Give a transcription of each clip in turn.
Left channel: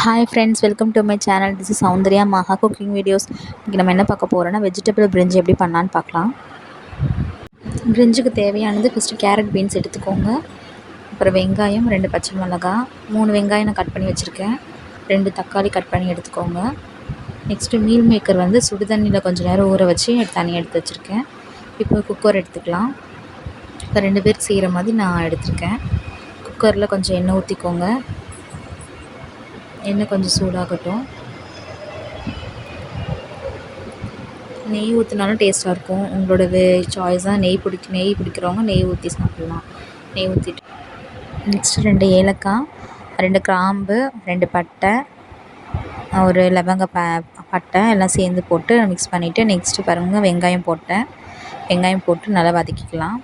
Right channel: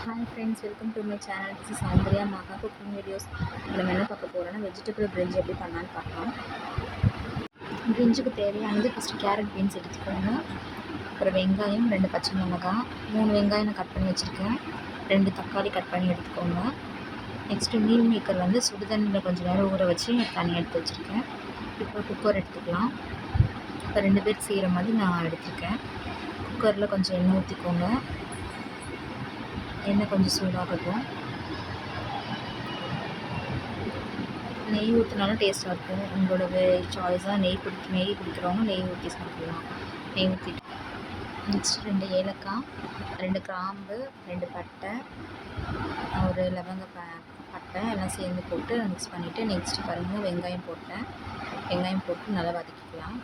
Hi friends, welcome to my channel. This is Soundarya மகா cooking videos. இன்றைக்கி நம்ம என்ன பார்க்க போகிறோன்னா வெஜிடபிள் பிரிஞ்சி எப்படி பண்ணலான்னு பார்க்கலாம். பிரிஞ்சுக்கு தேவையானது ஃபஸ்ட்டு கேரட் பீன்ஸ் எடுத்துக்கோங்க. அப்புறம் வெங்காயம், 2 பச்சை மிளகா, 3 வெங்காயம் நான் கட் பண்ணி வச்சுருக்கேன். 2 தக்காளி கட் பண்ணி எடுத்துக்கோங்க. நெக்ஸ்ட்டு மீல் மேக்கர் வந்து சுடுதண்ணியில் கொஞ்சம் நேரம் ஊற வச்சு தனியாக எடுத்து வச்சுருக்கேன். இப்போ குக்கர் எடுத்துக்கலாம். இப்போ 2 பேர் செய்கிற மாதிரி நான் எடுத்திருக்கேன். குக்கரில் கொஞ்சம் எண்ணெய் ஊற்றிக்கோங்க. எண்ணெய் கொஞ்சம் சூடாகட்டும். நெய் ஊற்றினாலும் டேஸ்ட்டாக இருக்கும். உங்களோட சாய்ஸாக நெய் பிடிக்கிறவங்க நெய் ஊற்றி சாப்பிட்லாம். நெய் ஊற்றிட்டு நெக்ஸ்ட்டு 2 ஏலக்காய், 2 கிராம்பு, 2 பட்டை, ஒரு லவங்க பட்டை எல்லாம் சேர்ந்து போட்டு மிக்ஸ் பண்ணிவிட்டு நெக்ஸ்ட்டு பாருங்கள் வெங்காயம் போட்டேன். வெங்காயம் போட்டு நல்லா வதக்கிக்கலாம்.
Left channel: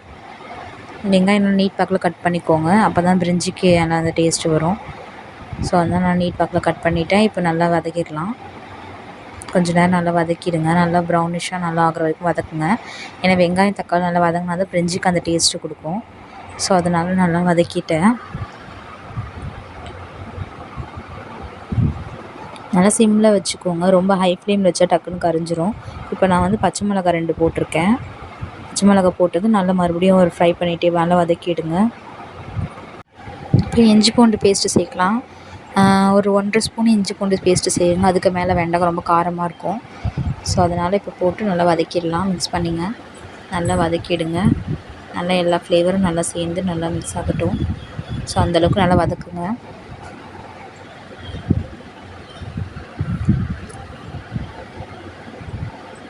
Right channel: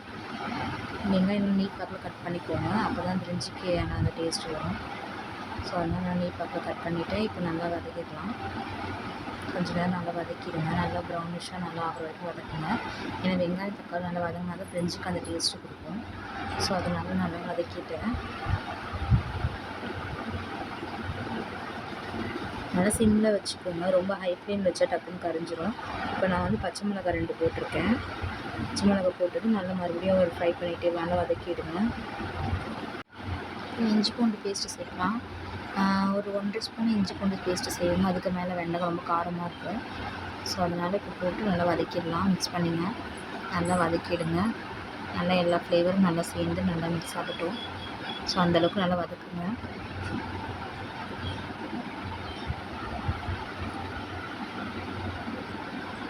வெங்காயம் நல்லா நீட் பாக்கில் கட் பண்ணிக்கோங்க. அப்போ தான் பிரிஞ்சிக்கு நல்லா அந்த டேஸ்ட்டு வரும். ஸோ அதனால் நான் நீட் பாக்கில் கட் பண்ணிவிட்டேன். இப்போ நல்லா வதக்கிடலாம். கொஞ்சம் நேரம் நல்லா வதக்கிடுங்க. நல்லா ப்ரௌனிஷாக நல்லா ஆகிற வரைக்கும் வதக்குங்க. ஏன்னா வெங்காயம் தக்காளி நல்லா வதங்கினா தான் பிரிஞ்சிக்கு அந்த டேஸ்ட்டு கொடுக்கும். ஸோ அதனால் நல்லா வதக்கிட்டேன். நல்லா சிம்மில் வச்சுக்கோங்க. ரொம்ப ஹை ஃப்ளேமில் வச்சா டக்குன்னு கரிஞ்சிரும். இப்போ நான் வந்து பச்சை மிளகாய் 2 போட்டிருக்கேன். பச்சை மிளகாய் போட்டது நல்லா மறுபடியும் ஒரு ஃப்ரை பண்ணிகிட்டே நல்லா வதக்கிடுங்க. இப்போ இஞ்சி பூண்டு பேஸ்ட்டு சேர்க்கலாம். ஒரு 1.5 ஸ்பூன் இஞ்சி பூண்டு பேஸ்ட்டு செய்யுங்க. அதுக்கு மேலே வெண்டைக்காய் ரொம்ப காரமாக இருக்கும். ஸோ அதனால் இப்போ போட்டு நல்லா வதக்கிடலாம். மிக்ஸ் பண்ணிங்க. நல்லா வதக்கிடுங்க. நல்லா எல்லா ஃப்ளேவரும் நல்லா சேர்ந்து நல்லா மிக்ஸ் ஆகட்டும். ஸோ அந்தளவுக்கு நல்லா வதக்குங்க.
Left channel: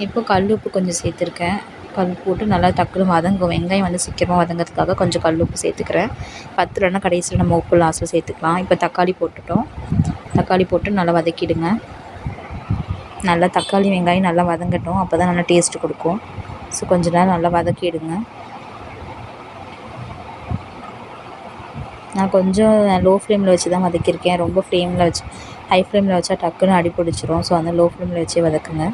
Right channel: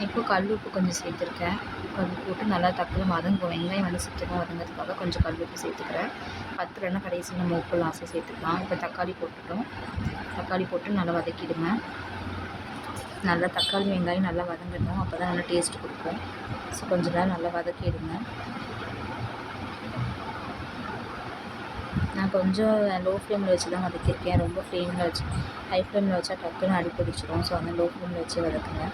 இப்போ கல் உப்பு கொஞ்சம் சேர்த்துருக்கேன். கல் போட்டு நல்லா டக்குனு வதங்கும். வெங்காயம் வந்து சீக்கிரமாக வதங்கிறதுக்காக கொஞ்சம் கல் உப்பு சேர்த்துக்கிறேன். பத்தலைன்னா கடைசியில் நம்ம உப்பு லாஸ்ட்டில் சேர்த்துக்கலாம். இப்போ தக்காளி போட்டுட்டோம். தக்காளி போட்டு நல்லா வதக்கிடுங்க. நல்லா தக்காளி வெங்காயம் நல்லா வதங்கட்டும். அப்போ தான் நல்லா டேஸ்ட்டு கொடுக்கும். ஸோ கொஞ்சம் நேரம் நல்லா வதக்கிடுங்க. நான் கொஞ்சம் லோ ஃப்ளேமில் வச்சு தான் வதக்கியிருக்கேன். ரொம்ப ஃப்ளேமில் வச்சு ஹை ஃப்ளேமில் வச்சா டக்குன்னு அடி பிடிச்சிரும். ஸோ அந்த லோ ஃப்ளேமில் வச்சே வதக்குங்க.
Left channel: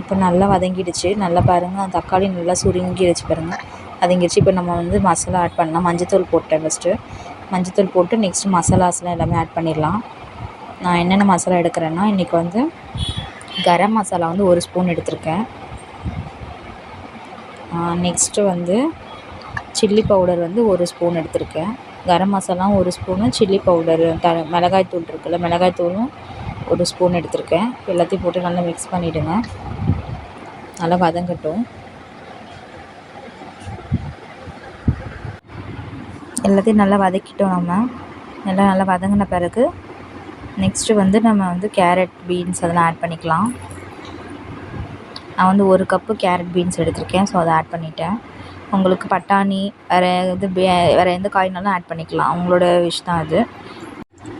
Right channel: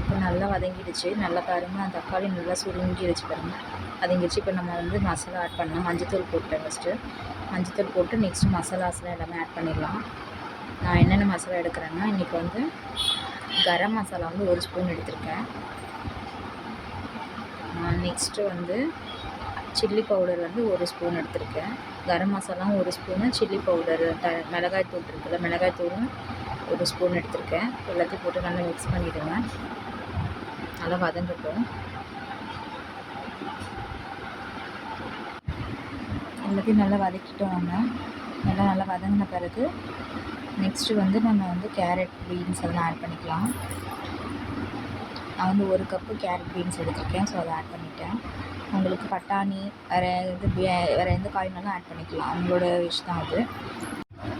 இப்போ நல்லா வதங்கிடுச்சு. நல்லா பாருங்கள், அந்த தக்காளி நல்லா சுருங்கிடுச்சு பாருங்கள், வதங்கிடுச்சு. இப்போ நம்ம வந்து மசாலா ஆட் பண்ணலாம். மஞ்சத்தூள் போட்டேன் ஃபஸ்ட்டு. மஞ்சத்தூள் போட்டு நெக்ஸ்ட்டு மசாலாஸ்லாம் எல்லாமே ஆட் பண்ணிடலாம். நான் என்னென்ன மசாலா எடுக்கிறேன்னா இன்றைக்கி வந்து கரம் மசாலா வந்து 1 ஸ்பூன் எடுத்திருக்கேன். நெக்ஸ்ட்டு வந்து சில்லி பவுடர் வந்து 1 ஸ்பூன் எடுத்திருக்கேன். Garam masala 1 spoon, chilli powder மிளகாய் தூள் இருக்குல்ல, மிளகாய் தூளும் 1 ஸ்பூன் எடுத்திருக்கேன். எல்லாத்தையும் போட்டு நல்லா மிக்ஸ் பண்ணிவிடுங்க. நல்லா வதங்கட்டும். எல்லாத்தையும் நல்லா வதக்கிட்டோம். நம்ம நல்லா வதங்கின பிறகு நெக்ஸ்ட்டு வந்து நம்ம வந்து கேரட் பீன்ஸ் அதெல்லாம் ஆட் பண்ணிக்கலாம். நான் வந்து 1 கப்பு கேரட் பீன்ஸ் எடுத்திருக்கேன். ஸோ அதை ஆட் பண்ணிட்டேன். உங்களுக்கு பட்டாணி வேறு எந்த காய்னாலும் ஆட் பண்ணிக்கலாம். அவங்களோட விஷ் தான் அது.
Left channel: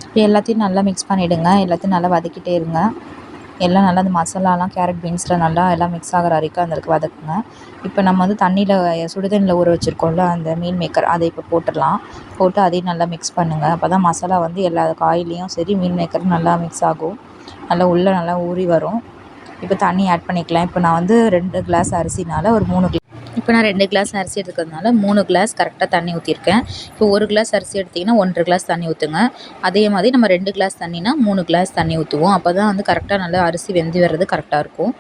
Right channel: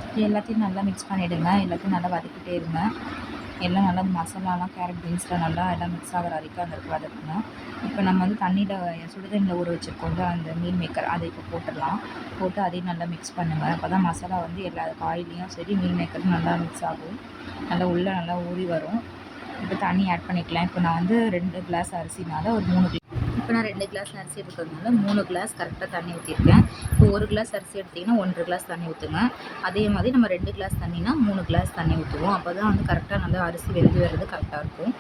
இப்போ எல்லாத்தையும் நல்லா மிக்ஸ் பண்ணிவிடுங்க. எல்லாத்தையும் நல்லா வதக்கிட்டே இருங்க. எல்லாம் நல்லா அந்த மசாலாலாம் கேரட் பீன்ஸில் நல்லா எல்லாம் மிக்ஸ் ஆகிற வரைக்கும் அந்த அளவுக்கு வதக்குங்க. இப்போ நம்ம வந்து சுடுதண்ணியில் ஊற வச்சுருக்கோம்ல அந்த மீல் மேக்கர், அதை இப்போ போட்டுடலாம். போட்டு அதையும் நல்லா மிக்ஸ் பண்ணுங்கள். அப்போ தான் மசாலா வந்து எல்லா காயிலையும் சரி மீல் மேக்கரும் நல்லா மிக்ஸ் ஆகும். நல்லா உள்ளே நல்லா ஊறி வரும். இப்போ தண்ணி ஆட் பண்ணிக்கலாம். இப்போ நான் வந்து 2 கிளாஸ் அரிசினால் ஒரு 3 இப்போ நான் 2 கிளாஸ் அரிசி எடுத்துக்கிறதுனால 3 கிளாஸ் கரெக்டாக தண்ணி ஊற்றிருக்கேன். இப்போ 1 கிளாஸ் அரிசி எடுத்திங்கன்னா 1.5 கிளாஸ் தண்ணி ஊற்றுங்க. அதே மாதிரி நம்ம 2 கிளாஸ் தண்ணினா 3 கிளாஸ் தண்ணி ஊற்றுவோம். அப்போ தான் வந்து கரெக்டாக நல்லா அரிசி வெந்து வர்றது கரெக்டாக இருக்கும்.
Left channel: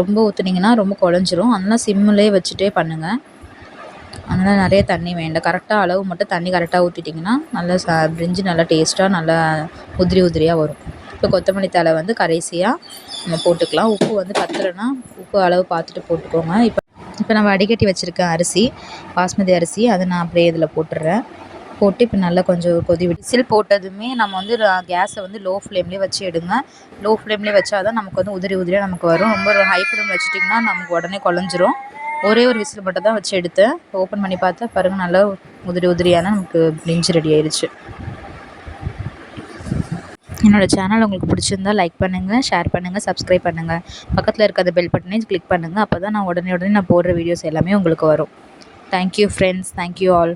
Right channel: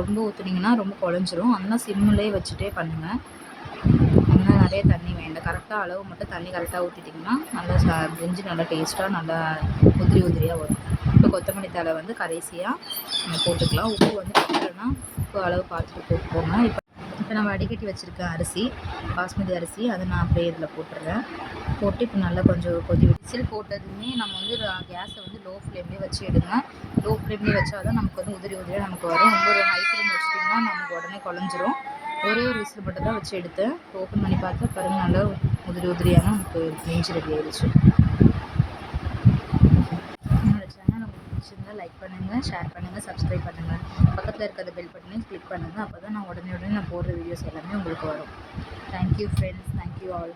ரொம்ப ஊற்றுனீங்கன்னா ரொம்ப குழஞ்சிரும். அதனால் சிம்மிலே வச்சுட்டே பண்ணுங்கள். அதனால் நிறைய தண்ணி வேண்டாம். கரெக்டாக அளவு மட்டும் தண்ணி கரெக்டாக ஊற்றிட்டிங்கன்னா நல்லா பிரிஞ்சி நல்லா டேஸ்ட்டாக நல்லா உதிரியாக வரும். இப்போ கொத்தமல்லி தழை வந்து கடைசியாக நம்ம போட்டுக்கலாம். உப்பு வந்து பத்தலைன்னா உப்பு அளவு பார்த்துட்டு போட்டுக்கோங்க. இப்போ நான் வடிகட்டி வச்சுருக்கேன் அரிசி, பாஸ்மதி அரிசி, அதை நான் அப்படியே இதில் போட்டுடுறேன். போட்டு இப்போ நல்லா கொஞ்சம் விசில் போட்டதுமே நம்ம வந்து கேஸை வந்து லோ ஃப்ளேம்லேயே வச்சு எடுங்க. லோ ஃப்ளேம்லேயே வச்சா தான் நமக்கு வந்து உதிரியாக நமக்கு வரும். ரொம்ப ஹை ஃப்ளேமில் வச்சுட்டிங்கன்னா நமக்கு உடனே குழஞ்சிரும். ஒரே ஒரு விசில் மட்டும் தான் வச்சு எடுத்தேன். ஓப்பன் பண்ணி பார்த்தா பாருங்கள், நல்லா உதிரியான நமக்கு பிரிஞ்சி ரெடி ஆயிடுச்சு. என்னோடய சேனல் உங்களுக்கு பிடிச்சிருந்தால் லைக் பண்ணுங்கள், ஷேர் பண்ணுங்கள், சப்ஸ்கிரைப் பண்ணுங்கள். பக்கத்தில் இருக்க அந்த பெல் பட்டனையும் கிளிக் பண்ணுங்கள். அப்போ தான் நான் உடனே நான் போடுற வீடியோஸ் எல்லாமே உங்களுக்கு வரும். Thank you friends. Thank you all.